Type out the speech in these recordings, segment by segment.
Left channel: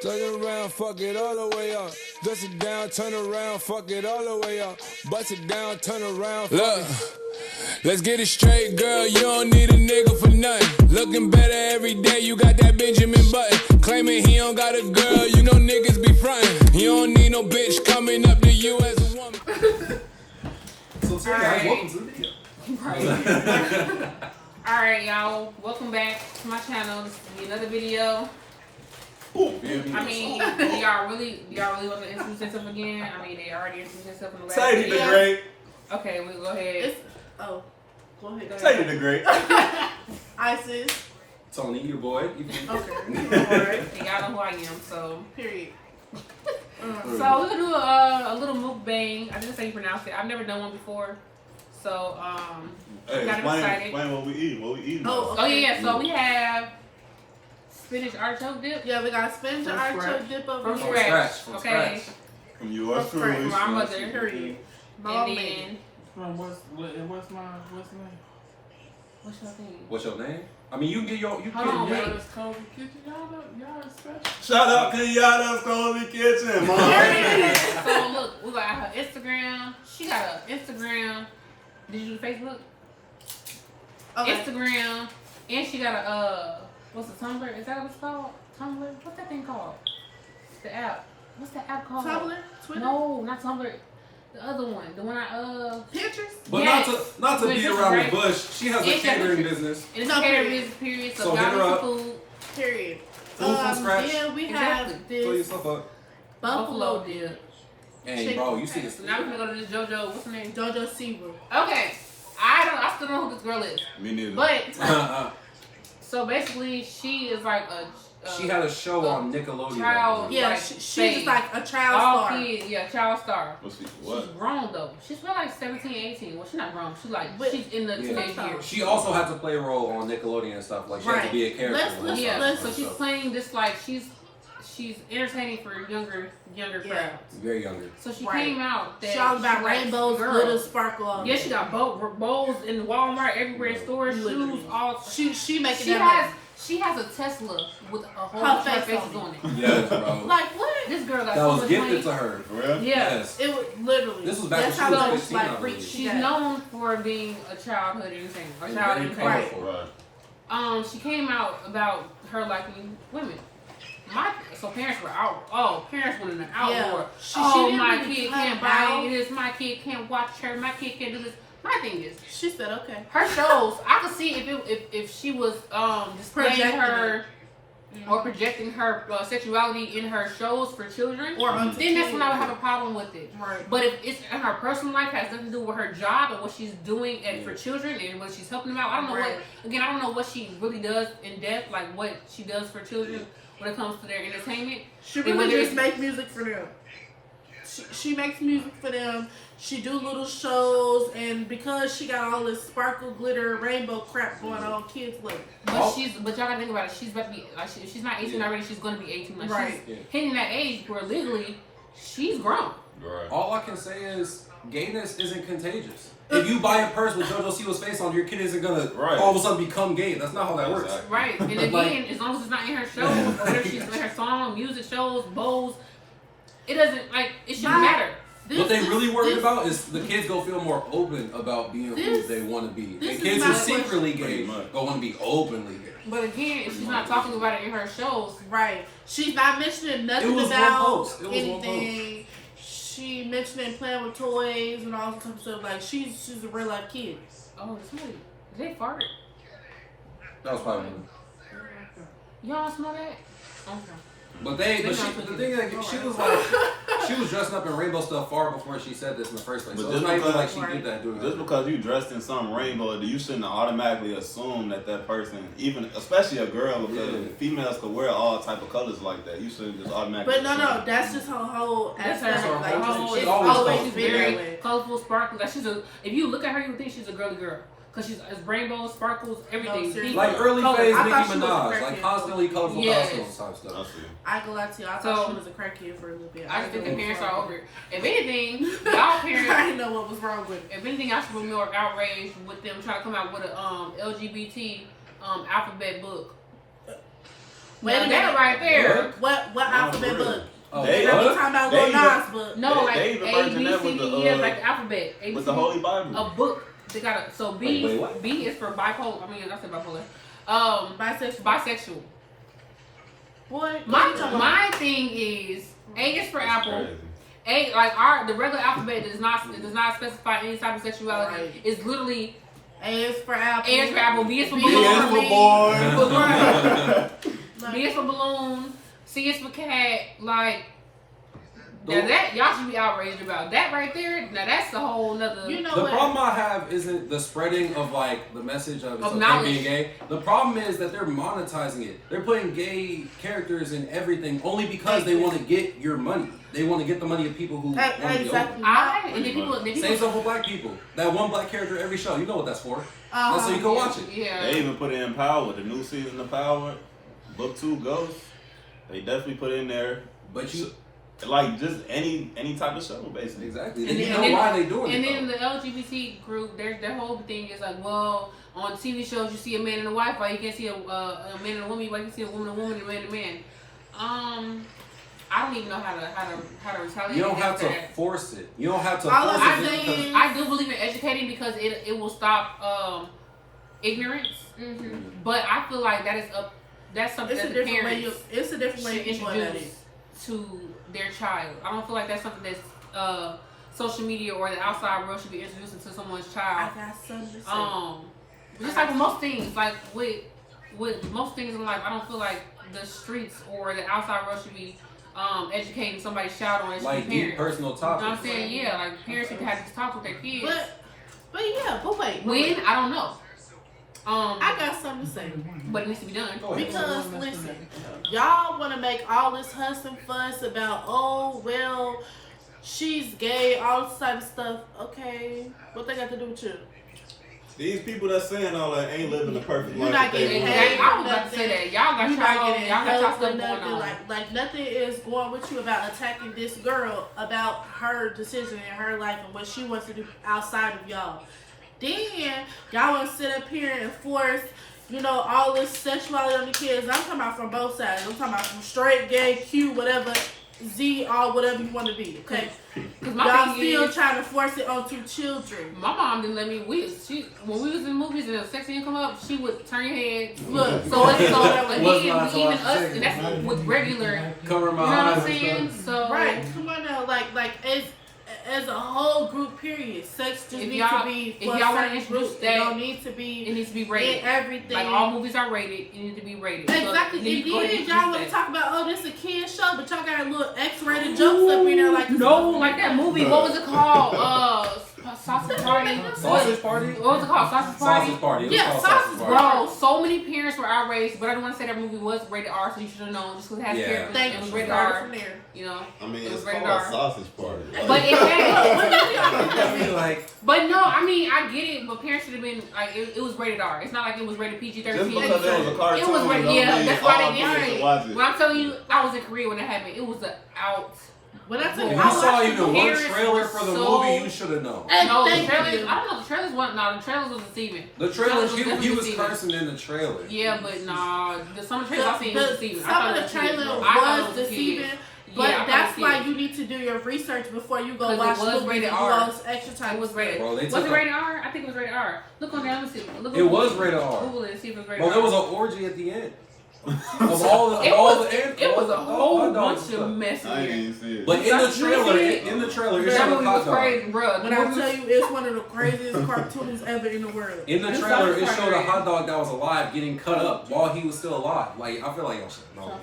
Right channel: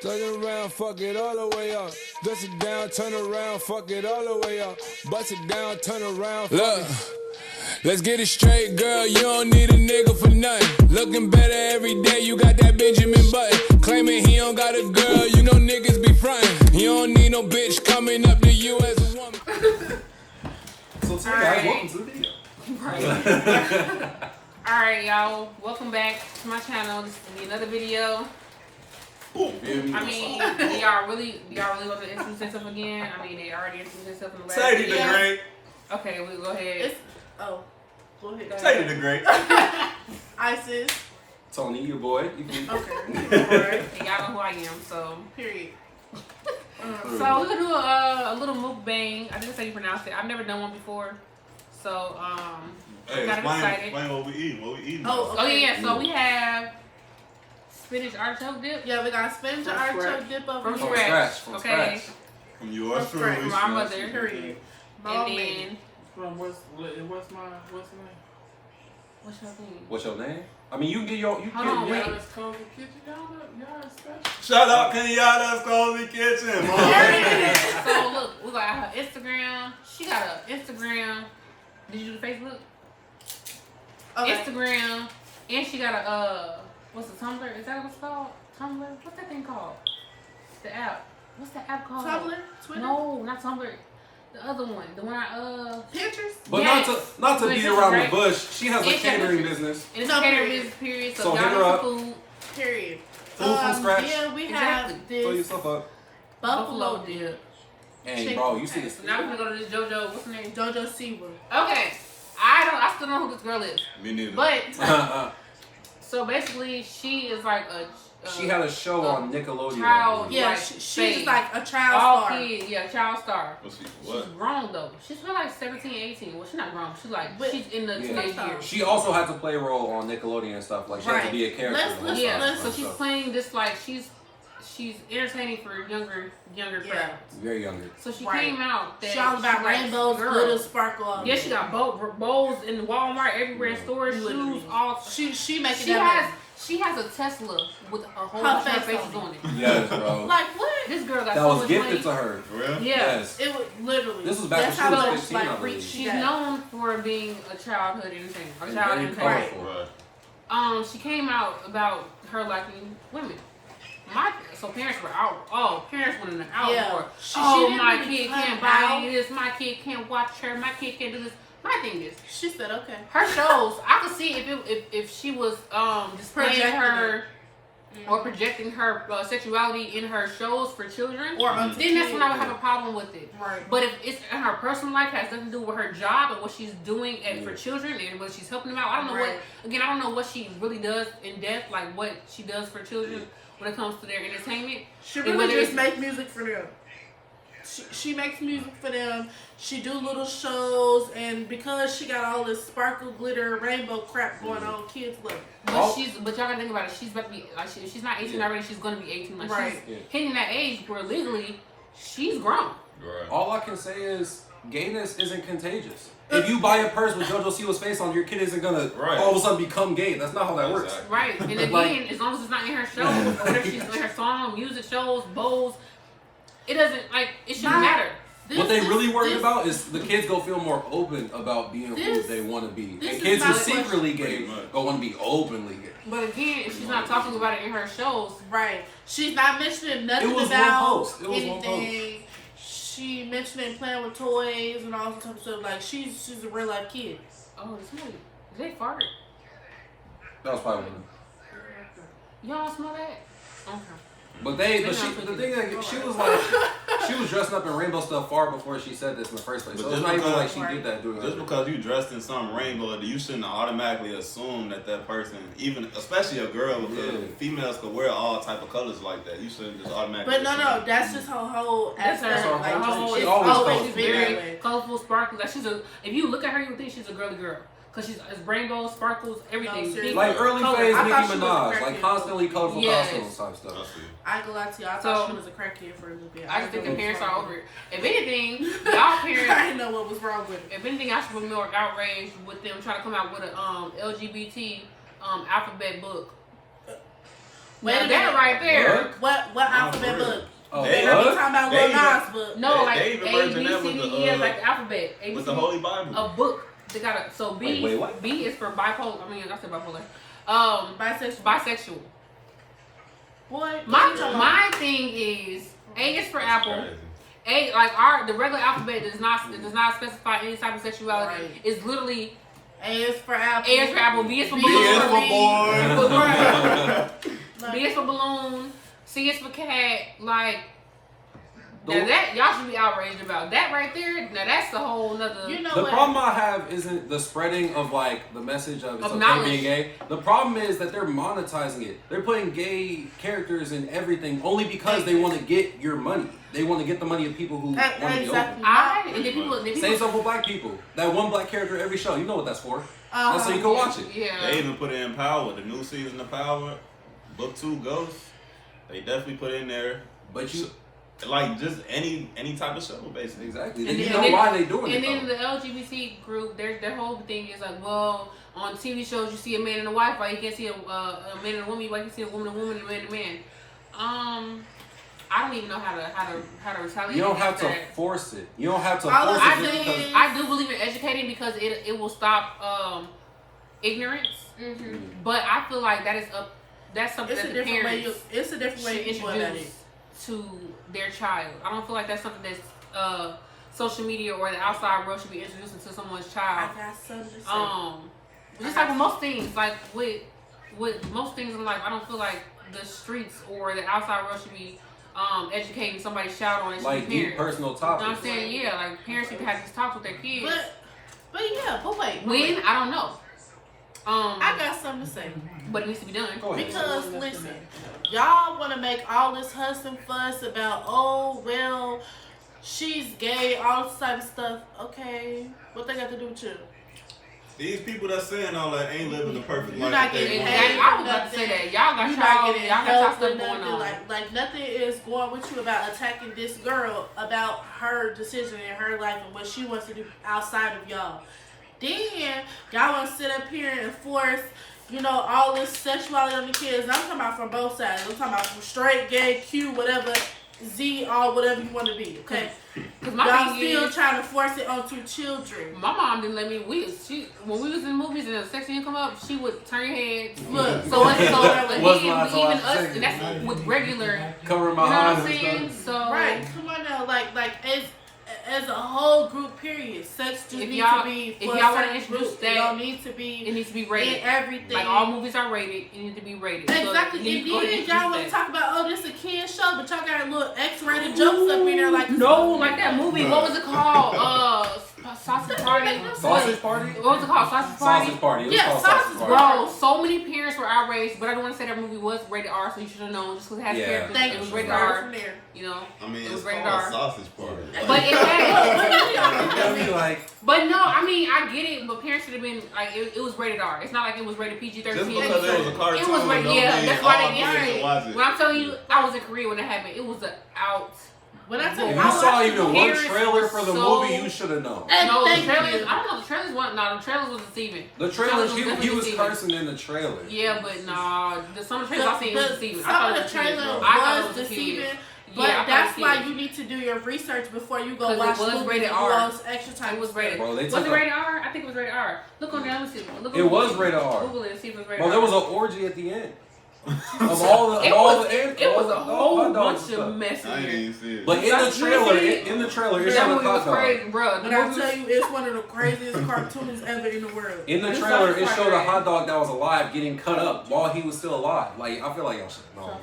Turn around, fuck it all the way up. Dust it down, turn around, fuck it all the way up. Bust it down, turn around, fuck it. Let's get it straight, girl, you don't need a nigga for nothing. Looking better every day, you got that Benjamin Button. Claiming he don't got a girl, you know niggas be frontin'. You don't need no bitch coming up to you as a woman. So guys, welcome to the video. Alright, y'all, welcome back to my channel. This is gonna be another video. I mean, do y'all really want to introduce yourself again? I mean, they already introduced themselves in the last Say video. the great. Okay, we'll go ahead. Go ahead. Say the great. Isis. Tony, your boy. Okay. Alright, y'all know who I am, so. Period. So we're gonna do a little mukbang. I think that's how you pronounce it. I've never done one before. So, Hey, explain what we eat. What we eating? Oh, okay. Yeah, so we have spinach artichoke dip. Yeah, we got spinach artichoke dip over From here. scratch. Okay. From yours From truly. From our mother. Period. And then, What's your name? what's your name? What's your name? I mean, you can get your. You Hold on, can wait. get Shout out Kenyatta's Cozy Kitchen, mom. So look, we got her Instagram. She got an Instagram. Did you do Facebook? Okay. Instagram, and she got a what's the Tumblr? Is that what it's called? Tumblr? What's that thing called? The app. What's the app called? Tumblr? Twitter? No, not Tumblr. The other one. The one Pinterest? But yes. not to Wait, beat this is around right. the bush. She has a It's catering just- business. It's No, a catering period. business, period. So So hit her y'all up. need some food. Period. Food from scratch. Then we Exactly. have Fill this yourself up. buffalo dip. Hey, bro, you see Okay, this? so now we're gonna go to this JoJo. What's her name? Jojo Seaver. Okay. I still don't know who this girl is. Me neither. But so basically, she is like a. She had a show on Nickelodeon. Child, Yeah, like, she's babe. just like a child All star. kids, yeah, child star. What's she? She's What? grown though. She's probably like 17, 18. Well, she's not grown. She's like But- she's in the Yeah. teenage years. She also had to play a role on Nickelodeon and stuff. Like she had to Right. be a character. Let's- and Yeah, stuff. so she's playing this like she's entertaining for younger Yeah. crowds. very younger. So she Right. came out. That She all about she likes rainbows, girls. glitter, sparkle. Yeah, she got bowls in Walmart, everywhere in stores, Literally. shoes, all. She making She that has money. she has a Tesla with a whole Her bunch of face faces on on it. Yes, bro. Like what? This girl got That so was much gifted money. to her. For real? Yeah. Yes. It was literally. This was back That's when how she was much 15, I like believe. reach she She's got. known for being a childhood entertainer or And child very entertainer. colorful. Right. She came out about her liking women. So parents were out. Oh, parents were in the outroar. Yeah. She Oh, didn't my really kid come can't out. buy this. My kid can't watch her. My kid can't do this. My thing is, She said, okay. her shows. I could see if she was displaying Projecting her or projecting her sexuality in her shows for children. Or on Then that's when I would have a problem with it. Right. But if it's in her personal life, has nothing to do with her job and what she's doing for children and when she's helping them out. I don't know Right. I don't know what she really does in depth, like what she does for children when it comes to their entertainment. She And really when just they- make music for them. She makes music for them. She do little shows, and because she got all this sparkle, glitter, rainbow crap going on, kids love it. But Oh. but y'all gotta think about it. She's about to be like if she's not 18 already, she's gonna be 18. Like Right. she's hitting that age where legally she's grown. Right. All I can say is gayness isn't contagious. If you buy a purse with JoJo Siwa's face on, your kid isn't gonna Right. all of a sudden become gay. That's not how that works. Exactly. Right. And again, Like- as long as it's not in her shows or whatever she's in her song, music shows, bowls, it doesn't it shouldn't Not- matter. What they really worried this- about is the kids go feel more open about being who This- they want to be. this And is kids my who question. secretly Pretty gay much. but want to be openly gay. But again, if she's not talking about it in her shows, Right. She's not mentioning nothing It was one about post. It was one anything. She mentioning playing with toys and all that type of stuff. Like she's a real life kid. oh, did they fart? That was probably one. Y'all smell that? Okay. But They're she, not the cooking. thing like she was like she was dressing up in rainbow stuff far before she said this in the first place. But So it's just not even like because- she did that during Just because you dressed in something rainbow, you shouldn't automatically assume that person, even especially a girl, because Yeah. females could wear all type of colors like that. You shouldn't just automatically. But no, assume. that's just her whole That's her aspect. whole- Like her whole- it's she always always colorful. been that Very way. colorful, sparkles. Like if you look at her, you think she's a girly girl. Cause she's rainbows, sparkles, everything. seriously. Pink, like early color. phase I Nicki thought she was a Minaj, crackhead. like constantly colorful Yes. costumes type I stuff. see. I ain't gonna lie to you. I So- thought she was a crackhead for a little bit. I just think the didn't know parents what are was over wrong it. If anything, y'all with it. I parents, didn't know what was wrong with it. if anything, I should be more outraged with them trying to come out with a LGBT alphabet book. Wait a That minute. right there. What alphabet book? They They be talking about Lil Nas book. No, like they even A, version B, that C, with D, the, E, F, like the alphabet. A, B, with C, the D, Holy Bible. A book. They got a so B. Wait, what? B is for bipolar. I mean, I said bipolar. Bisexual. Bisexual. Boy, My thing is A is for apple. Crazy. The regular alphabet does not specify any type of sexuality. Right. It's literally A is for apple. A is for apple, B is for B balloon, is for boy. B is for balloon, C is for cat. Like now that y'all should be outraged about that right there. Now that's a whole nother. You know The what? problem I have isn't the spreading of like the message of it's okay knowledge. being gay. The problem is that they're monetizing it. They're putting gay characters in everything only because they want to get your money. They want to get the money of people who want to be Exactly. open. And the people Same stuff with black people. That one black character every show. You know what that's for. Uh-huh. That's so you can watch it. Yeah. They even put it in Power, the new season of Power, Book 2 Ghost. They definitely put it in there. But you Like just any type of show, basically. exactly. And you then- know why they doing And it. then though. the LGBT group, their whole thing is like, well, on TV shows you see a man and a wife, why you can't see a man and a woman, why you can see a woman and a woman, and a man and a man. I don't even know how to retaliate. You don't have against to that. force it. You don't have to All force I'm it. saying Because is- I do believe in educating because it will stop ignorance. Mm-hmm. But I feel like that's something It's a that the different way. parents It's a different way should you going at it. introduce to their child. I don't feel like that's something that social media or the outside world should be introducing to someone's I child. got something to say. Just like with most things, like with most things in life, I don't feel like the streets or the outside world should be educating somebody's child on it. like should be deep parents. personal You know what I'm topics. saying? Yeah, like parents should have these talks with their kids. But wait. When? I don't know. I got something to say. But it needs to be done. Go ahead. Because listen, y'all want to make all this fuss and fuss about, oh well, she's gay, all this type of stuff. Okay, what they got to do with you? These people that's saying all that ain't living the perfect life. You're not that they getting want. paid. I was about to say that. Y'all got You're not getting y'all got help stuff or going nothing. on. Like nothing is going with you about attacking this girl about her decision in her life and what she wants to do outside of y'all. Then y'all want to sit up here and force, all this sexuality on the kids. And I'm talking about from both sides. I'm talking about from straight, gay, Q, whatever, Z, or whatever you want to be. Okay, y'all still trying to force it onto children. My mom didn't let me. When we was in movies and the sex scene come up, she would turn your head. Look, So What's even not so us, I and that's with regular. Cover my You know what I'm eyes and saying? stuff. So Right, come on now, like as a whole group, period. Sex just If needs y'all- to be if for y'all wanna certain introduce groups. that, It don't need to it be needs to be in rated. everything. Like all movies are rated, it needs to be rated. Exactly. So, And go ahead then y'all want to talk about, oh, this a kid show, but y'all got a little X-rated jokes up in there, like No, like that movie. What was it called? Sausage Party. Sausage Party? What was it called? Sausage Party. Sausage Party. It was Yeah, called Sausage Party. Bro, so many parents were outraged, but I don't want to say that movie was rated R, so you should have known. Just because it has Yeah. characters, Thank it was you. rated Started R. from there. You know, I mean, it was it's rated called R. Sausage Party. But it had. What do y'all think that means? Like, But no, I mean I get it, but parents should have been like it was rated R. It's not like it was rated PG-13. Just because it was a cartoon, It was rated, don't yeah. mean That's all why they kids did should it. watch it. When I'm telling you, I was in Korea when that happened. It was out. When I tell if you, you I saw watched even the one parents trailer were for the so- movie, you should have known. And No, the thank trailers. you. I don't know. The trailers wasn't. No, the trailers was deceiving. The trailers, he definitely was deceiving. cursing in the trailer. Yeah, but nah. Some of the trailers I seen was deceiving. I Some thought of it the was trailer deceiving. I thought it was was deceiving, but Yeah, I thought that's it was why deceiving. you need to do your research before you go 'Cause it watch was movies rated and do R. all this extra time. It was rated. Bro, they Was took it a- rated R? I think it was rated R. Look on there. Let me see. Look on It was Google. rated R. Google it and see if it was rated Bro, R. there was an orgy at the end. Of all the, It all was. the end, It all was the a whole hot dogs bunch and of stuff. mess in I ain't there. even see it. But in the trailer, it That showed movie a was hot dog. crazy, bro. When I tell you, it's one of the craziest cartoons ever in the world. In the This trailer, Sausage it Party showed a right hot dog that was alive getting cut up while he was still alive. Like, I feel like y'all should know.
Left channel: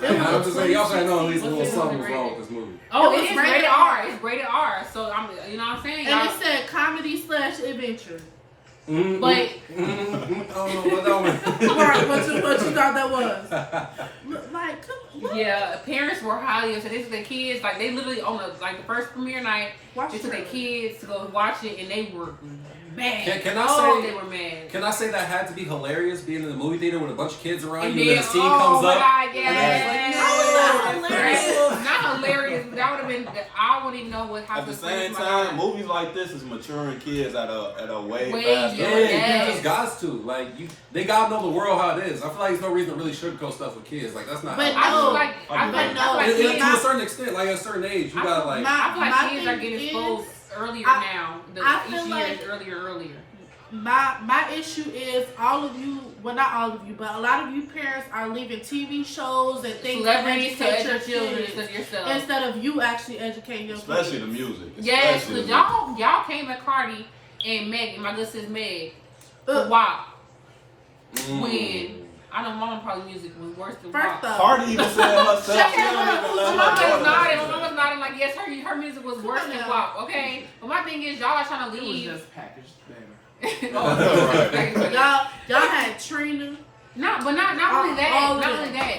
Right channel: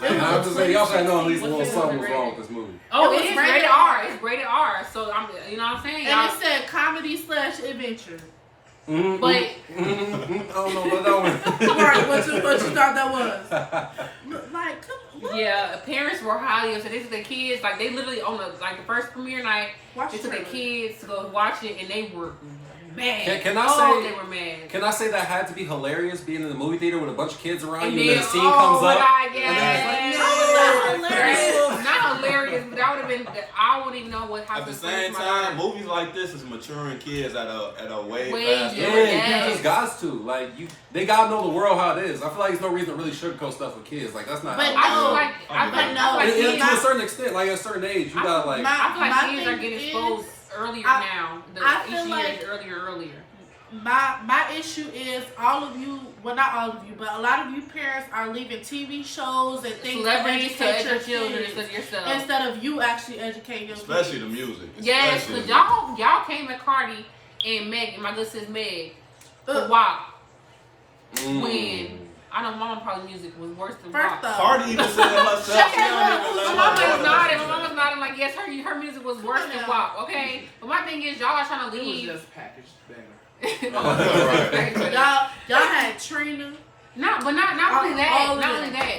It was I'm a just saying, y'all should know at least a 2016 little was something was rated. wrong with this movie. Oh, It it was is rated rated R. R. It's rated R. So I'm, you know what I'm saying? And Y'all- it said comedy/adventure. But I don't know what that was. Right, what you thought that was? Look, like, come on. yeah, parents were highly upset. They took their kids, like they literally on the first premiere night, Watch they the took their trailer. kids to go watch it, and they were mad. Can I oh, say- they were mad? Can I say that had to be hilarious being in the movie theater with a bunch of kids around And you and then, then the scene oh comes my up? God, and then it's like, yes. How was that hilarious? Not hilarious, but that would have been wouldn't even know what At the happens. same time, movies like this is maturing kids at a way faster. Yeah, Yes. you just got to. Like, they gotta know the world how it is. I feel like there's no reason to really sugarcoat stuff with kids. Like, that's not But I how feel no, like to kids, a certain extent, like at a certain age, you gotta like. I feel like My kids are thing getting is, exposed earlier I now. feel Each year like- is earlier. My issue is all of you, well not all of you, but a lot of you parents are leaving TV shows and things to Celebrities to educate your children kids instead of yourself. instead of you actually educating your Especially kids. the music. Yes, Especially because y'all came at Cardi and Meg, my good sis Meg, for Uh, WAP. When I know my mom probably music was worse than First WAP. off, Cardi even said herself. Shut She don't up. even let My her mama's daughter- nodding. Like, yes, her music was worse on than now. WAP. Okay, but my thing is, y'all are trying to It was leave. just packaged better. Right. y'all had Trina. Not only that. All of Not them. only that.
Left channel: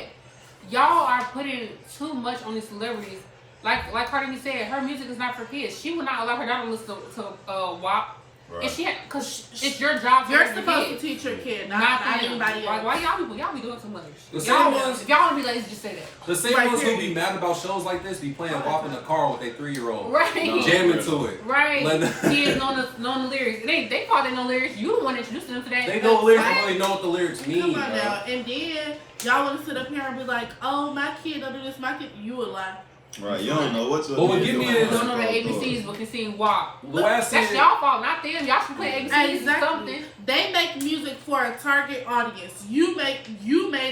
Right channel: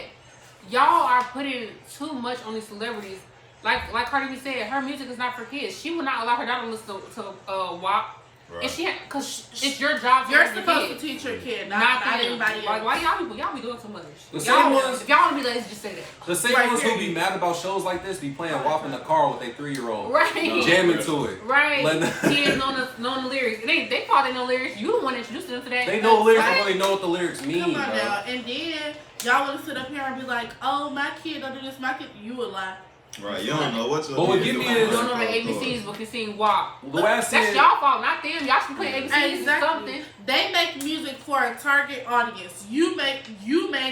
Y'all are putting too much on these celebrities. Like Cardi B said, her music is not for kids. She would not allow her daughter to listen to WAP. And she, because it's your job. You're raise the supposed to kids. teach your kid, not them. anybody else. Why y'all be doing too much? The same Y'all ones- if y'all want to be lazy, just say that. The same Right, ones who be period. mad about shows like this be playing WAP in the car with their 3-year-old. Right. No. Jamming to it. Right. Let- Kids know the lyrics. They probably know lyrics. You the one introduced them to that. They know the lyrics, Right. don't really know what the lyrics mean. Come on bro. now, and then y'all want to sit up here and be like, "Oh, my kid don't do this. My kid," you would lie. Right, you don't know what But what kid get me doing. is- You don't know the ABCs, but can sing WAP. The way I see That's it, y'all fault, not them. Y'all should play ABCs or Exactly. something. They make music for a target audience. You made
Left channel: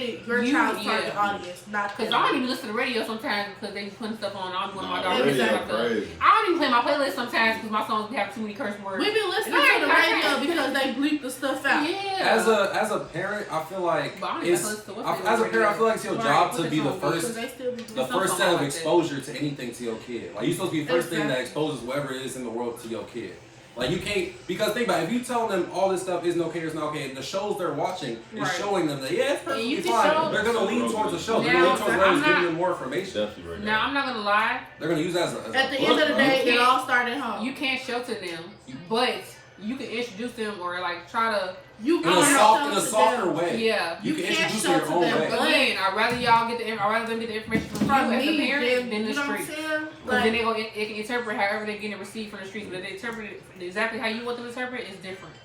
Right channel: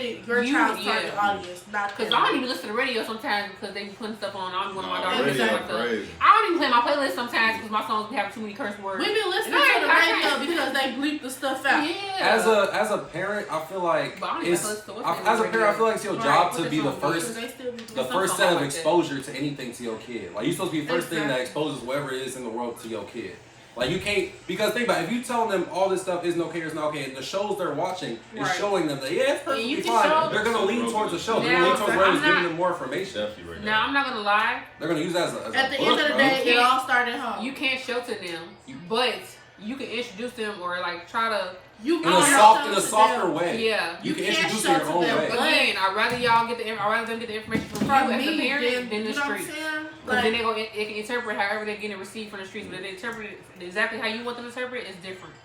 it your child's target audience, not Because them. I don't even listen to the radio sometimes because they be putting stuff on. I'm one of my Nah, daughters. radio listen to stuff. crazy. I don't even play my playlist sometimes because my songs be having too many curse words. We been listening Right, to the right. radio because they bleep the stuff out. Yeah. as a parent, I feel like But I don't even it's, listen to what's as a parent, I feel like it's your Right, job put to this be the on Because first, they still be the doing first something set of like that. exposure to anything to your kid. Like, you're supposed to be the first thing that Exactly. exposes whatever it is in the world to your kid. Like, you can't, because think about it, if you tell them all this stuff isn't okay, it's not okay, the shows they're watching is Right. showing them that, yeah, it's perfectly you can fine. show- They're going to lean towards the show. They're Now, going to lean towards I'm whatever's not- giving them more information. Definitely right Now, I'm not going to lie. They're going to use that as a At the book, end of the bro. day, it all started home. You can't shelter them, but you can introduce them or like try to. You In can't a shelter softer them. way. Yeah. You can can't introduce it in your shelter own them, way. but Again, I'd rather y'all get the. I'd rather them get the information from from you as a me, parent then, than you the know what I'm streets. saying? Because then Like, they can interpret however they're getting received from the streets, but if they interpret it exactly how you want them to interpret it, it's different.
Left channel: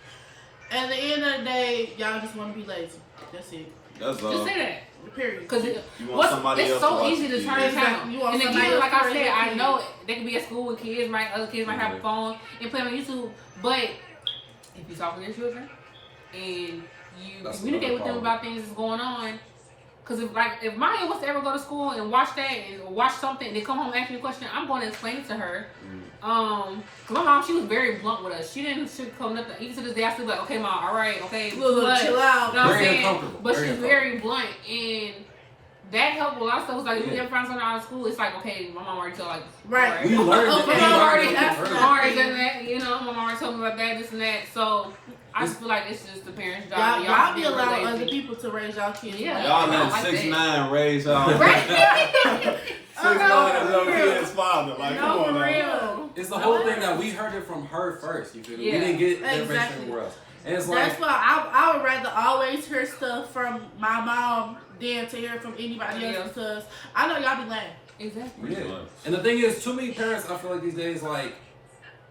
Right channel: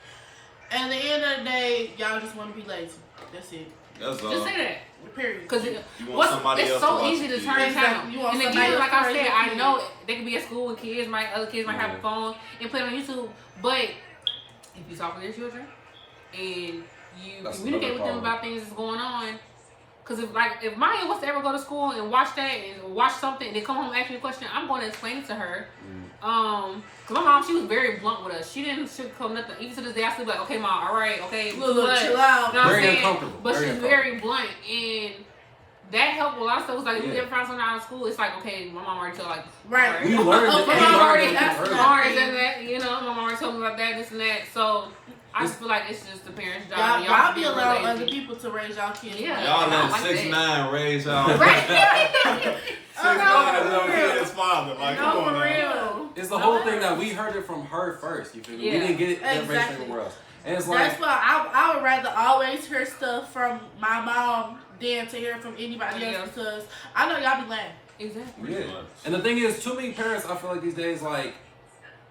at the end of the day, y'all just want to be lazy. That's it. That's Just say that. Period. Because You want somebody it's else to so watch easy it to for turn you. a channel. Exactly. You want And somebody again, else like to I said, raise your I kids. know they could be at school and other kids might have a phone and play on YouTube, but if you talk with your children and you That's communicate another with them problem. about things that's going on, because if Maya was to ever go to school and watch that and watch something and then come home and ask me a question, I'm going to explain it to her. Cause my mom, she was very blunt with us. She didn't sugarcoat nothing. Even to this day, I still be like, okay, mom, all right, okay, Look, but- chill out. You know what I'm Very saying? uncomfortable. But Very she's very blunt and. That helped with a lot of stuff. It's like if we Yeah. ever find something out of school, it's like, okay, my mom already told like, Right. We learned Oh, it. my We mom learned already it asked early. me. already done that, you know, my mom already told me about that, this and that. So I just feel like it's just the parents' job. Y'all be real allowing lazy. other people to raise y'all kids. Yeah. money. Y'all I don't let like 6'9" raise y'all. Right? 6'9" young kid's father. Like, come No, on for now. real. It's the whole thing that we heard it from her first. You feel me? Yeah. We didn't get it Exactly. information anywhere else. And it's like, That's why I would rather always hear stuff from my mom than to hear from anybody else Yeah. because I know y'all be lying. Exactly. yeah. And the thing is, too many parents, I feel like these days, like,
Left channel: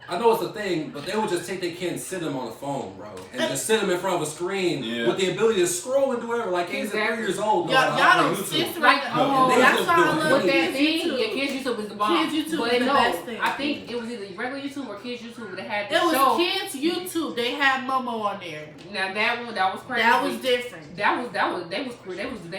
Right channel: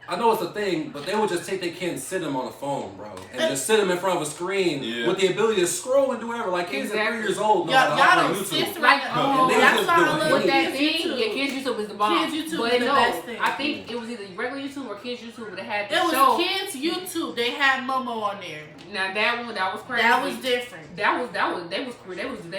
I know it's a thing, but they would just take their kid and sit them on a phone, bro. And just sit them in front of a screen Yeah. with the ability to scroll and do whatever. Like, kids at 3 years old. know Y'all, how to y'all operate don't YouTube. sit right Like, now. they That's just why I do it. love With that kids thing, YouTube. yeah, Kids YouTube is the bomb. Kids YouTube but is the no, best thing. I think it was either regular YouTube or Kids YouTube that had the It was show. kids YouTube. They had Momo on there. Now that one, that was crazy. That was different. They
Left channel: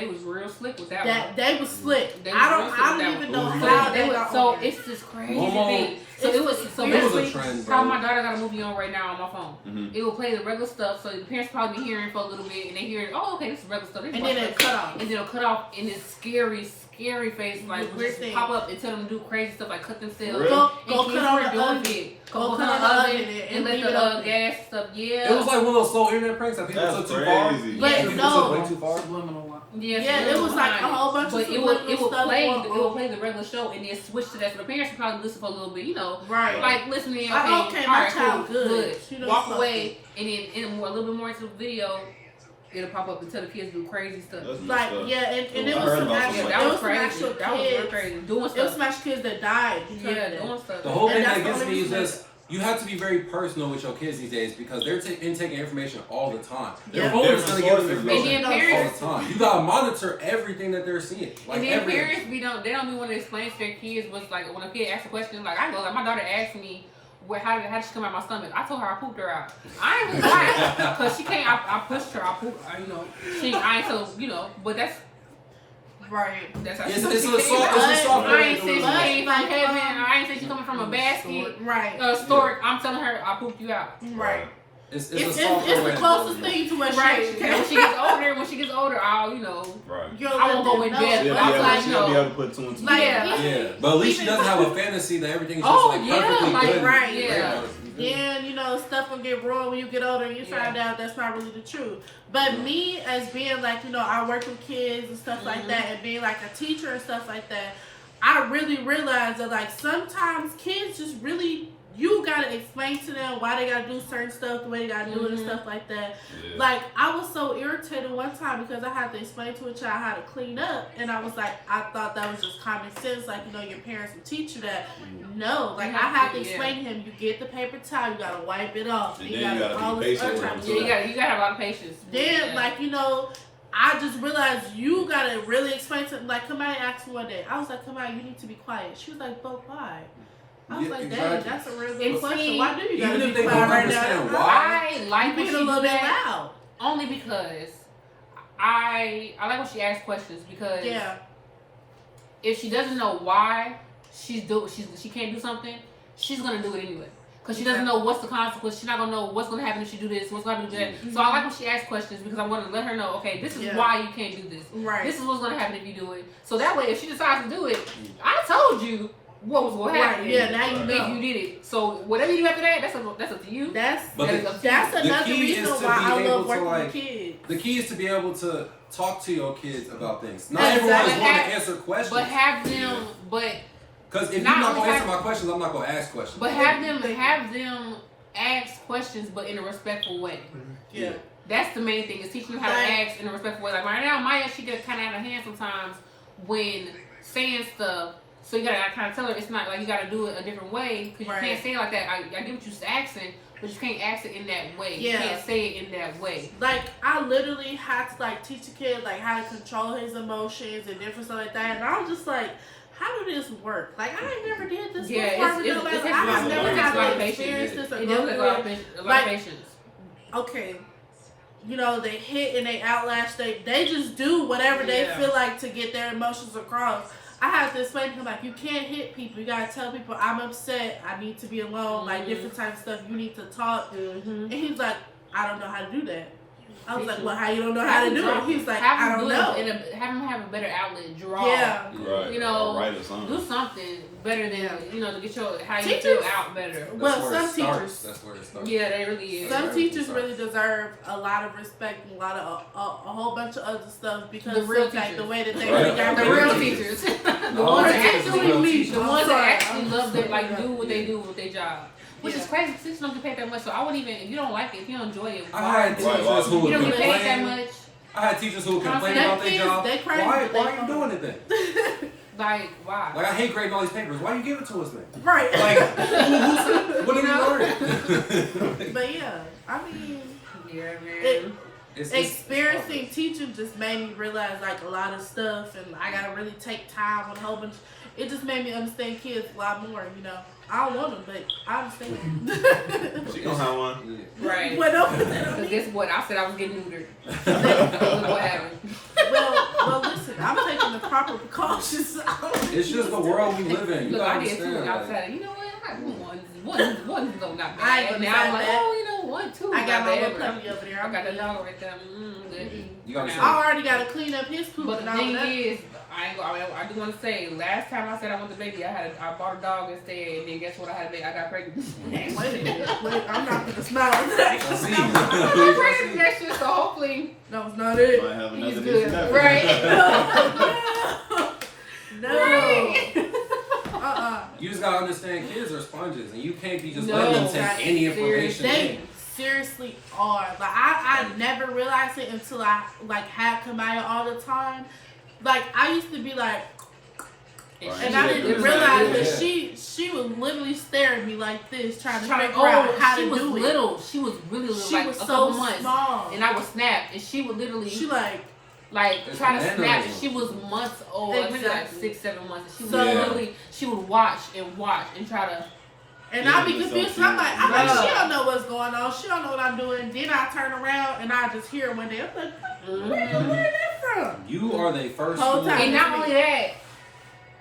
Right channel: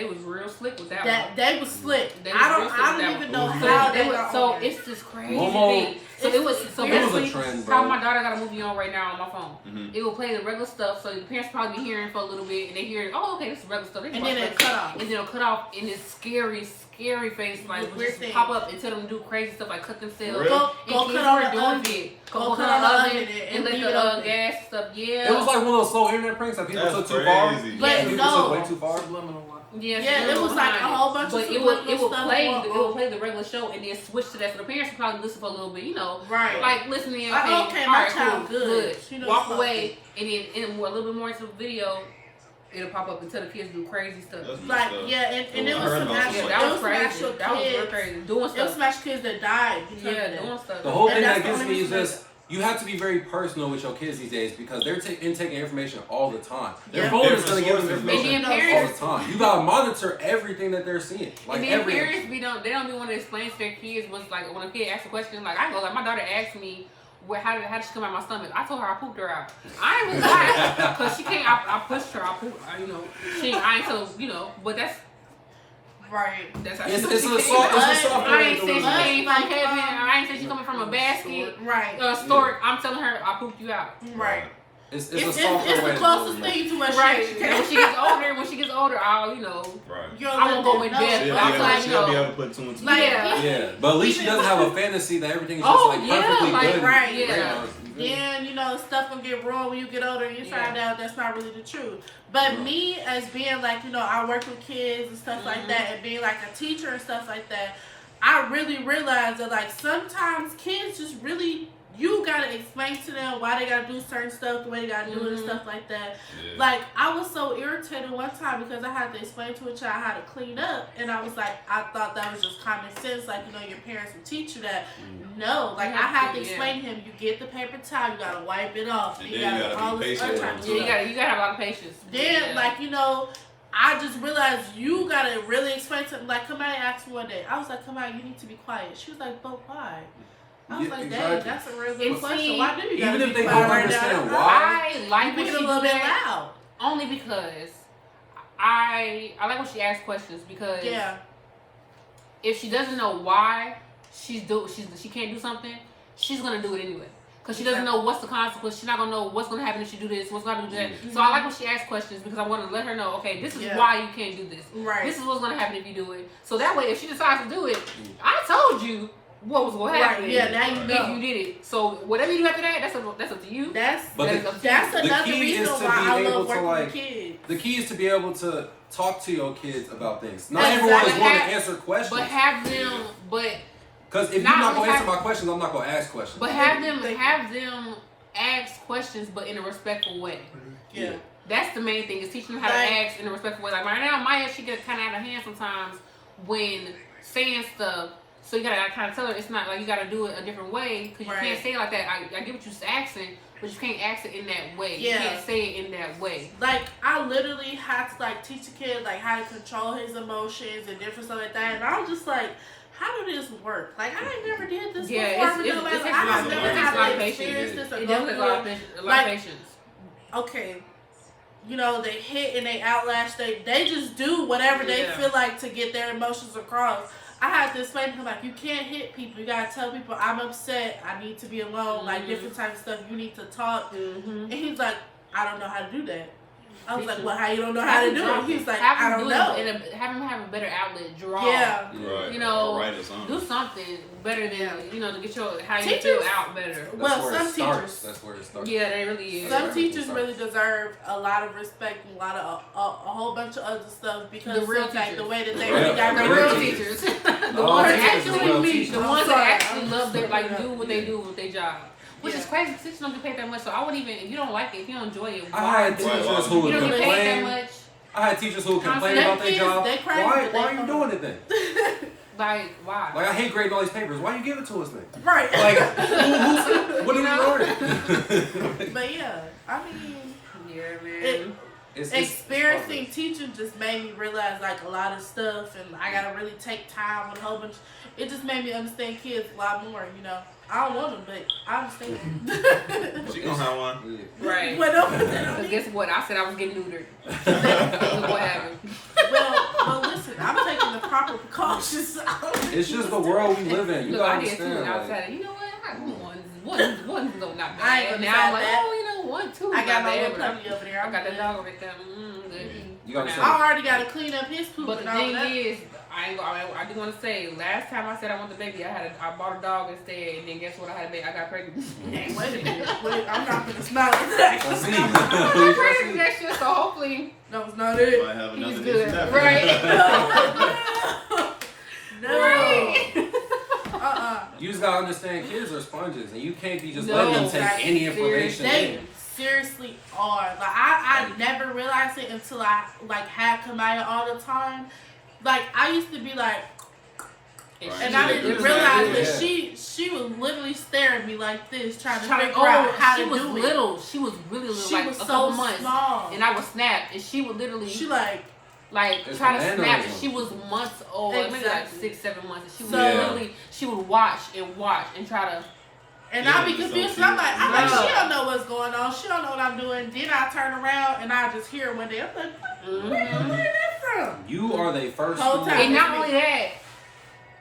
was real slick with that one. That they was slick. They I was don't real slick with that even one. know So how They they was- got so on there. it's this crazy Momo- thing. So it was so weird. It was a basically trend, how bro. my daughter got a movie on right now on my phone. Mhm. It will play the regular stuff, so the parents probably be hearing for a little bit, and they hear, oh, okay, this is regular stuff. They And watch then that. it cut off. And then it'll cut off in this scary face, like Weird weird thing. pop up and tell them to do crazy stuff, like cut themselves. Really? Go And cut on kids the were oven. doing it. Go cut on the oven and let leave the it open. gas stuff. Yeah. It was like one of those slow internet pranks that people That's took too far. crazy. But People no. took way too far. Subliminal line. Yeah, it was like a whole bunch of but subliminal it would stuff play going on. the regular show and then switch to that. So the parents would probably listen for a little bit, you know, Right. like listening. Like, okay, my alright, child cool, good. She knows Walk something. away and then a little bit more into the video. it'll pop up and tell the kids do crazy stuff. Like, yeah, and it was some actual, that was some crazy. actual That was real kids. crazy. Doing stuff. It was some actual kids that died because of that. Doing stuff. The whole thing that's that the gets only me is reason just you have to be very personal with your kids these days because they're intaking information all the time. Yeah. Their phone is going to give them information And all then the time. You got to monitor everything that they're seeing. Like and then everything. parents they don't even want to explain to their kids what's like when a kid asks a question. Like I go, like my daughter asked me, how did she come out my stomach? I told her I pooped her out. I ain't really lying because she can't. I pushed her. I pooped. You know, I ain't so but that's. Right. That's It's a soft I ain't saying she way. came from heaven. I ain't saying she coming from a basket. Right. Stork. I'm telling her I pooped you out. Right. It's It's the the closest thing to what Right. she When she gets older, I'll Right. I won't go in depth. She'll I'm like, be able to put 2 and 2 Like, together. Yeah, but at least she doesn't have a fantasy that everything is just perfectly good. right, yeah. Then, stuff will get wrong when you get older and you find out that's not really the truth. But me, as being like, I work with kids and stuff like that, and being like a teacher and stuff like that, I really realized that, like, sometimes kids just really, you gotta explain to them why they gotta do certain stuff, the way they gotta do it and stuff like that. Yeah. Like, I was so irritated one time because I had to explain to a child how to clean up, and I was like, I thought that was just common sense, like, your parents would teach you that. No, like, I had to explain to him, you get the paper towel, you gotta wipe it off, and you gotta all this other type of stuff. Yeah, you gotta have a lot of patience. Then, like, I just realized you gotta really explain to them. Like, Kamai asked me one day, I was like, Kamai, you need to be quiet. She was like, but why? I was like, dang, that's a real good question. Why do you gotta be quiet right now? I like being a little bit loud. Only because I like when she asks questions because if she doesn't know why she can't do something, she's gonna do it anyway. Because she doesn't know what's the consequence. She's not going to know what's going to happen if she do this, what's going to do that. Mm-hmm. So I like when she asks questions because I want to let her know, okay, this is why you can't do this. Right. This is what's going to happen if you do it. So that way, if she decides to do it, I told you what was going to happen. Right. Yeah, now you know. If you did it. So whatever you do after that, that's up to you. That's another reason why I love working with kids. The key is to be able to talk to your kids about things. Not everyone is going to answer questions. But have them, because if you're not going to answer my questions, I'm not going to ask questions. But have them ask questions, but in a respectful way. Yeah. That's the main thing, is teaching them how to ask in a respectful way. Like right now, Maya, she gets kind of out of hand sometimes when saying stuff. So you gotta kind of tell her it's not like you gotta do it a different way because you can't say it like that. I get what you're asking, but you can't ask it in that way. Yeah. You can't say it in that way. Like I literally had to teach a kid how to control his emotions and different stuff like that, and I was just like, how do this work? Like I ain't never did this before. I have never had to experience this or go through it. A lot of patience. Okay. They hit and they outlash. They just do whatever they feel like to get their emotions across. I had to explain to him, you can't hit people. You got to tell people, I'm upset. I need to be alone. Different types of stuff. You need to talk. And he's like, I don't know how to do that. I was like, well, how you don't know how to do it? He's like, I don't know. Have him have a better outlet. Draw. Yeah. Right. Do something better than, to get how you teachers, feel out better. Well, some teachers. That's where it starts. Yeah, they really is. Some teachers really deserve a lot of respect and a whole bunch of other stuff because the real of the way that they the real teachers. The ones that actually love their, do what they do with their job. Which is crazy. Teachers don't get paid that much, so I wouldn't even. If you don't like it, if you don't enjoy it, I had teachers who would complain. I had teachers who would complain about their job. Why are you doing it then? Why? I hate grading all these papers. Why you give it to us then? Right. What did you learn? But yeah, I mean, man. Experiencing teaching just made me realize a lot of stuff, and I gotta really take time on a whole bunch. It just made me understand kids a lot more. I don't want them, but I understand. You gonna have one? Right. Guess what? I said I was getting neutered. What happened? Well, listen. I'm taking the proper precautions. It's just the world we live in. You gotta understand. You know what? One is not bad. I ain't gonna now I'm like, one, two. I got my little puppy over there. I got the dog right there. I already got to clean up his poop. But the thing is, I do want to say, last time I said I want the baby, I bought a dog instead, and then guess what? I got pregnant. Wait a minute. I'm not gonna smile at that. I got pregnant next year, so hopefully that was not it. Might have another good. Right? No. You just gotta understand, kids are sponges, and you can't be just letting them take any information. seriously are. Like I never realized it until I like had Kamaya all the time. Like I used to be like, and I didn't realize that she was literally staring at me like this, trying to figure out how to do it. Little. She was really little. She like was a so couple months, small, and I would snap, and she would literally. She like try to snap, and she was months old, maybe like 6-7 months. And she would literally, she would watch and try to. And I'd be confused. So I'm like, she don't know what's going on. She don't know what I'm doing. Then I turn around and I just hear her one day. I'm like, where you learn that from? You are the first. Whole time. And not only that,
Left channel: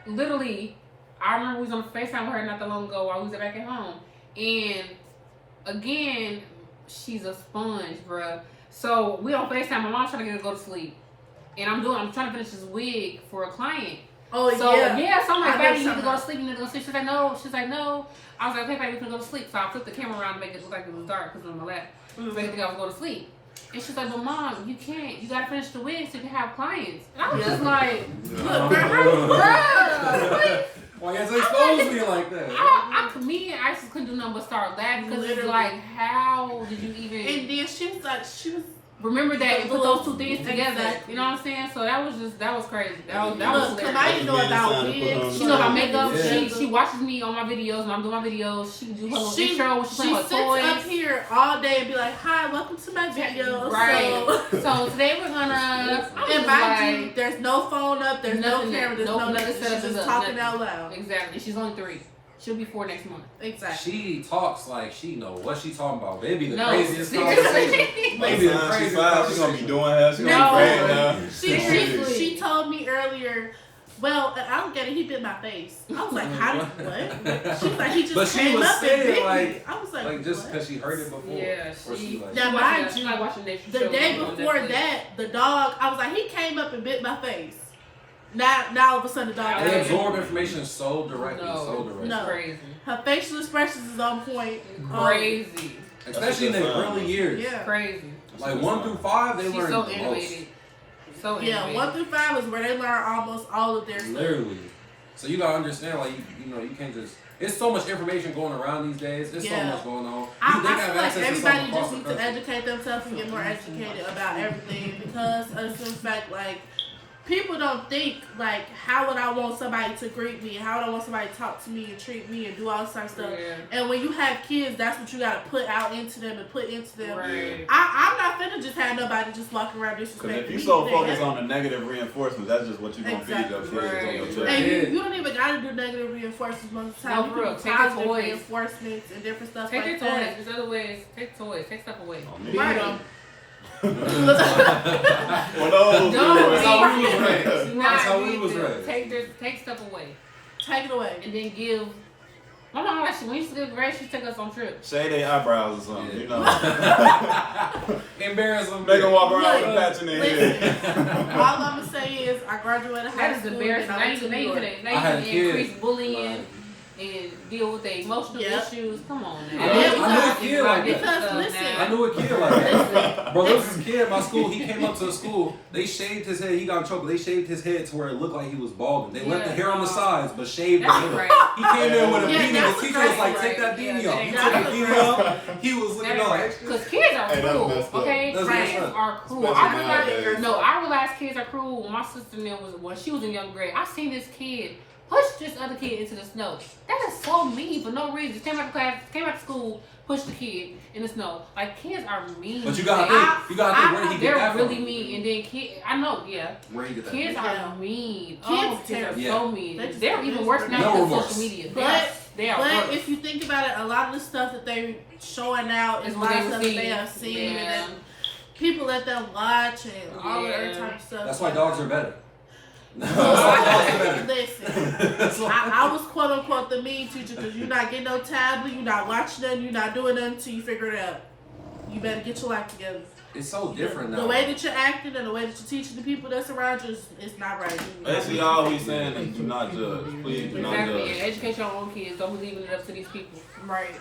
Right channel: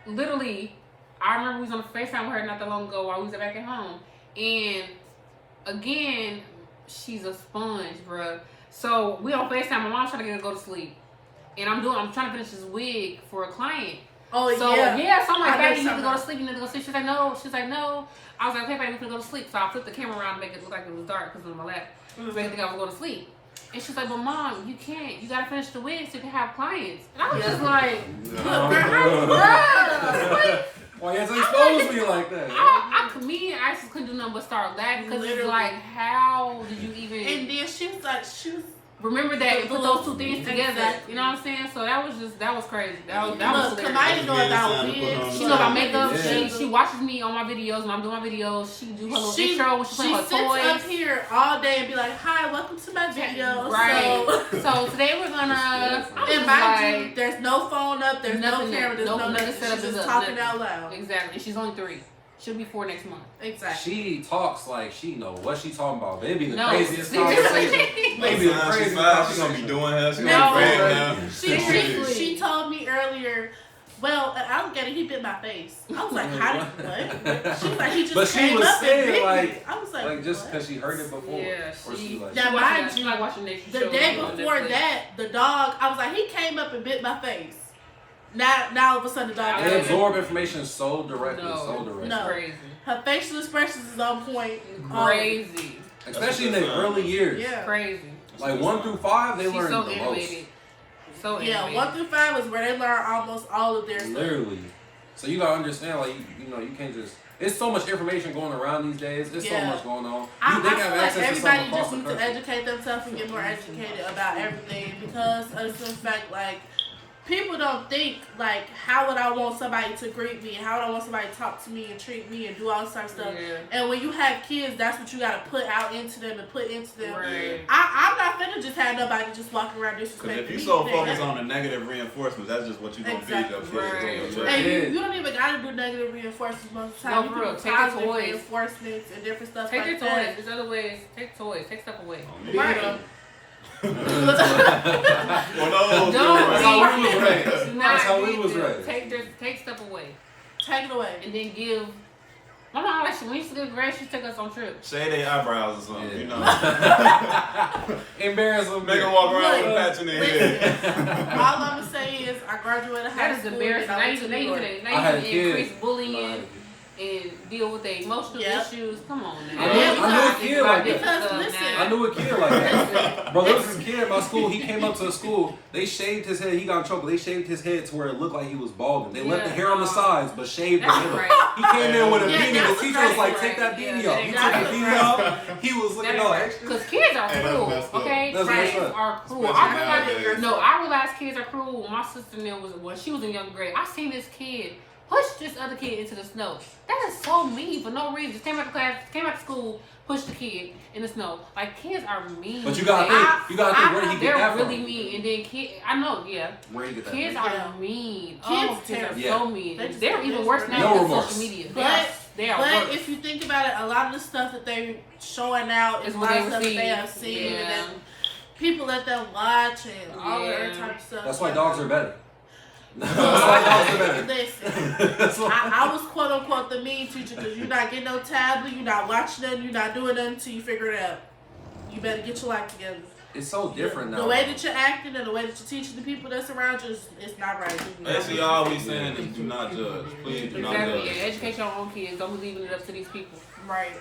literally, I remember we was on FaceTime with her not that long ago while we was back at home. And again, she's a sponge, bruh. So we on FaceTime. My mom's trying to get her to go to sleep. And I'm trying to finish this wig for a client. Oh, so, yeah. So I'm like, baby, you need to go to sleep. You need to go to sleep. She's like, no. She's like, no. I was like, okay, baby, we can go to sleep. So I flipped the camera around to make it look like it was dark because it was on my lap. So I think I was going to sleep. And she's like, but mom, you can't. You got to finish the wig so you can have clients. And I was just like, look, girl, why you have to expose me like that? Me and Isis couldn't do nothing but start laughing because it's like, how did you even? And then she was remember that and put those two things together. Exactly. You know what I'm saying? So that was crazy. That was look, because I didn't know about wigs. She know about makeup. She watches me on my videos when I'm doing my videos. She do her little intro when she play her toys. She sits up here all day and be like, hi, welcome to my video. Right. So today we're gonna. And mind you, there's no phone up, there's no camera, there's no nothing. She's just talking out loud. Exactly. She's only 3. She'll be 4 next month. Exactly. She talks like she know what she talking about. Baby, the craziest conversation. Maybe the craziest conversation. She gonna be doing her. She gonna be now. She told me earlier, well, an alligator, he bit my face. I was like, how did what? She was like, he just came up and bit me. I was like just because she heard it before. Yeah, now mind you, the day before that, the dog, I was like, he came up and bit my face. Now all of a sudden the dog. They absorb information so directly, No, crazy. Her facial expressions is on point. Crazy. Especially in the early years. Yeah. Crazy. Like 1 through 5, they learn so the animated. most. So yeah, animated. 1 through 5 is where they learn almost all of their stuff. Literally. So you gotta understand, like you can't just. It's so much information going around these days. There's so much going on. I feel like everybody just needs to educate themselves and get more educated about everything because of the fact, like, people don't think, like, how would I want somebody to greet me? How would I want somebody to talk to me and treat me and do all this type of stuff? Yeah. And when you have kids, that's what you got to put out into them and put into them. Right. I'm not finna just have nobody just walking around disrespecting me. Because if you so focus on the negative reinforcement, that's just what you're going to feed your kids. Right. And you don't even got to do negative reinforcements most of the time. You can do positive reinforcements and different stuff like that. There's other ways. Take toys. Take stuff away. Right. Well, no, that's how we was raised. Take stuff away. Take it away. And then give. My mom actually, when we used to go to grade, she took us on trips. Shade their eyebrows or something, you know. Embarrass them. Make them walk around with a patch in their head. All I'm going to say is I graduated high school. Embarrassing. They increase bullying. And deal with their emotional issues. Come on now. I knew a kid like that. Because listen, I knew a kid like that. Bro, there was this kid at my school. He came up to the school. They shaved his head. He got in trouble. They shaved his head to where it looked like he was balding. They left the hair on the sides, but shaved the head. Right. He came in with a beanie. The teacher was like, "Take that beanie off." He took the beanie off. He was looking all extra. Because kids are cruel. Okay, kids are cruel. I realized kids are cruel. When my sister when she was in young grade, I seen this kid push this other kid into the snow. That is so mean for no reason. Just came out of school, pushed the kid in the snow. Like, kids are mean. But you gotta think where he get that from. They're really mean. And then I know, where you get that kids from. are mean. Kids are so mean. They're even worse now on social media. But worse. If you think about it, a lot of the stuff that they're showing out is a lot of stuff that they have seen, and then people let them watch and all that other type of stuff. That's why dogs are better. Listen, I was quote unquote the mean teacher because you're not getting no tablet, you're not watching nothing, you're not doing nothing until you figure it out. You better get your life together. It's so different now. The way that you're acting and the way that you're teaching the people that's around you, it's not right. Basically, all we saying is do not judge. Please do not judge. Educate your own kids. Don't be leaving it up to these people. Right.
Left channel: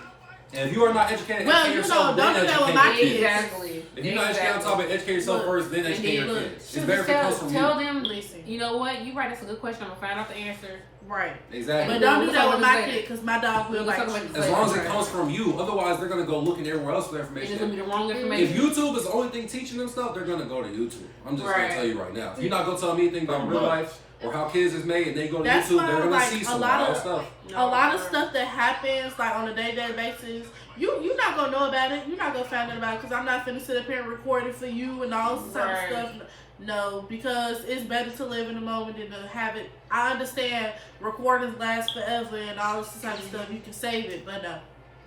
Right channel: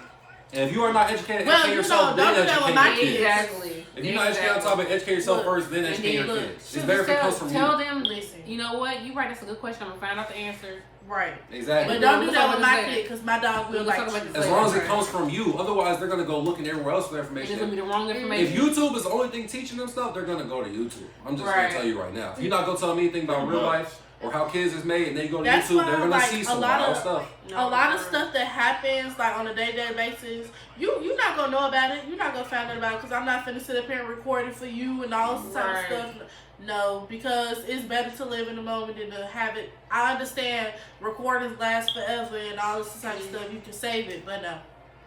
And if you are not educated, Well, educate you yourself, know, don't then do that with educate my your kids. Exactly. If you're not educated on top of it, educate yourself first, then educate your look, kids. It's better if it comes from Tell you. them, Listen. you know what? You right. That's a good question. I'm gonna find out the answer. Right. Exactly. But don't do We'll that talk with about my this kid, because my dog will We'll bite talk about you. this As long as it Right. comes from you, otherwise they're gonna go looking everywhere else for It's gonna be information. the wrong If information. YouTube is the only thing teaching them stuff, they're gonna go to YouTube. I'm just Right. gonna tell you right now. If you're not gonna tell them anything about real life or how kids is made, and they go to That's YouTube, why, they're gonna like, see a some lot wild of- stuff. A lot of stuff that happens like on a day-to-day basis, you're not gonna know about it. You're not gonna find out about it because I'm not finna sit up here and record it for you and all this type of Right. stuff. No, because it's better to live in the moment than to have it. I understand recordings last forever and all this type of stuff. You can save it, but no,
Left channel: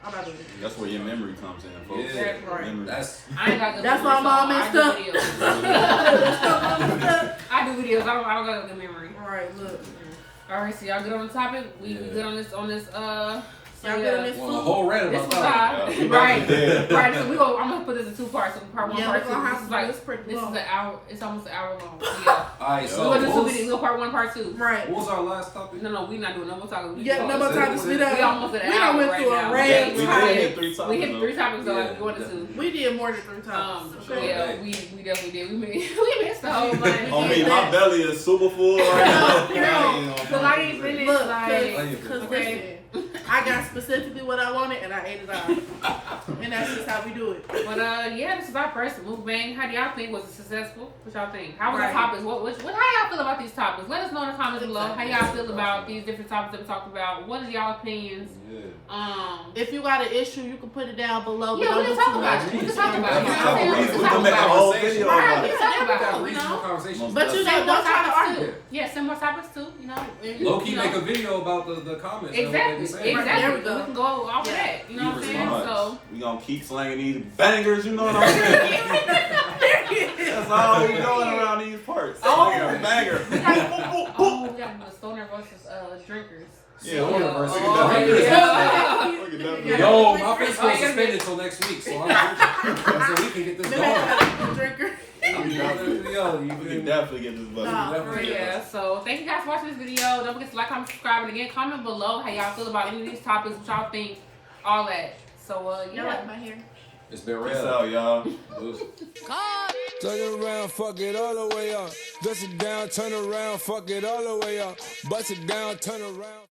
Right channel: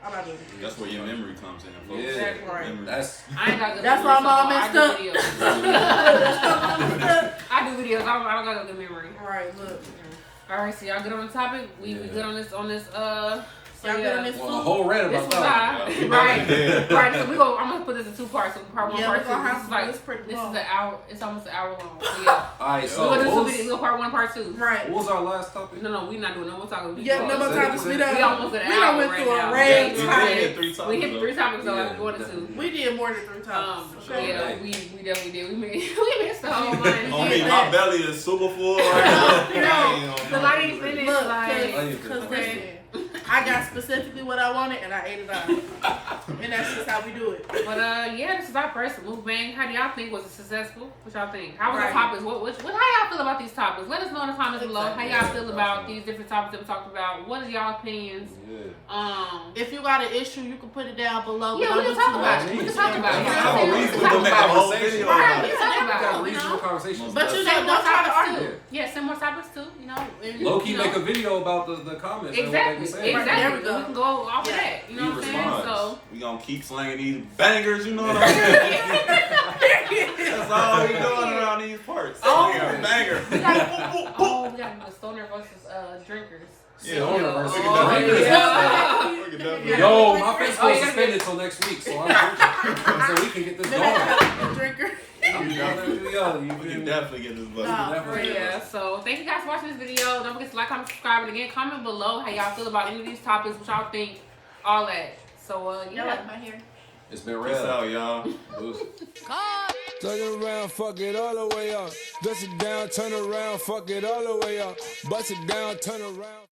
I'm not doing it. That's where your memory comes in, folks. Yeah, Right. Memory. that's I ain't got good That's memory, why I'm all so messed I up. do videos. I do videos. I don't got a good memory. All right, look, All right, so y'all good on the topic? We good on this. y'all good on this well, a food? whole rant This about was that. high. we Right. did. Right. So I'm gonna put this in two parts. So part one, Yeah, part we're two. gonna have This is to. like It's pretty this long. is an hour. It's almost an hour long. So, yeah. All right, We're so gonna do what two was, videos. We'll part one, part two. Right. what was our last topic? No, we're not doing no more talking. Yeah, no more topics. We We almost at an done hour went right through now. a Yeah, red we did topic. hit 3 topics. We hit though. 3 topics, so Yeah, I'm going to definitely. 2. We did more than 3 times. So yeah, we definitely did. We missed the whole bunch. I mean, my belly is super full. Cause I didn't finish. Look, Like, because okay. listen, I got specifically what I wanted and I ate it all. And that's just how we do it. But yeah, this is our first mukbang. How do y'all think? Was it successful? What y'all think? How was Right. the topics? How y'all feel about these topics? Let us know in the comments below. How y'all feel about these different topics that we talked about? What is y'all opinions? Yeah. If you got an issue, you can put it down below. Yeah, but we don't can do talk too about much. it. We can talk about it. We You can know what I'm saying? talk We can make a whole video Right, about we it. can talk We about got it. You reasonable know? conversations. But you Send know, more don't try to topics argue. too. Yeah, send more topics too. You know, and, Low key you know. make a video about the comments. and what they Exactly. be saying. Exactly. There we go. We can go off of that. You know what I'm saying? So. We gonna keep slanging these bangers, you know what I'm saying? That's all we doing around these parts. Slanging a banger. We gotta do the stoner versus drinkers. Yeah, Stoner versus we Oh, can definitely- yeah. we can definitely- Yo, my face Oh, was yeah. suspended till next week, so we can get this Maybe I going. have a drinker. Yo, We can you definitely get this buddy. Nah, for real. Yeah, so thank you guys for watching this video. Don't forget to like, comment, subscribe, and again, comment below how y'all feel about any of these topics, what y'all think, all that. So, You yeah. like my hair? It's been Peace real. out, y'all. Turn it around, fuck it all the way up. Dust it down, turn around, fuck it all the way up. Bust it down, turn around.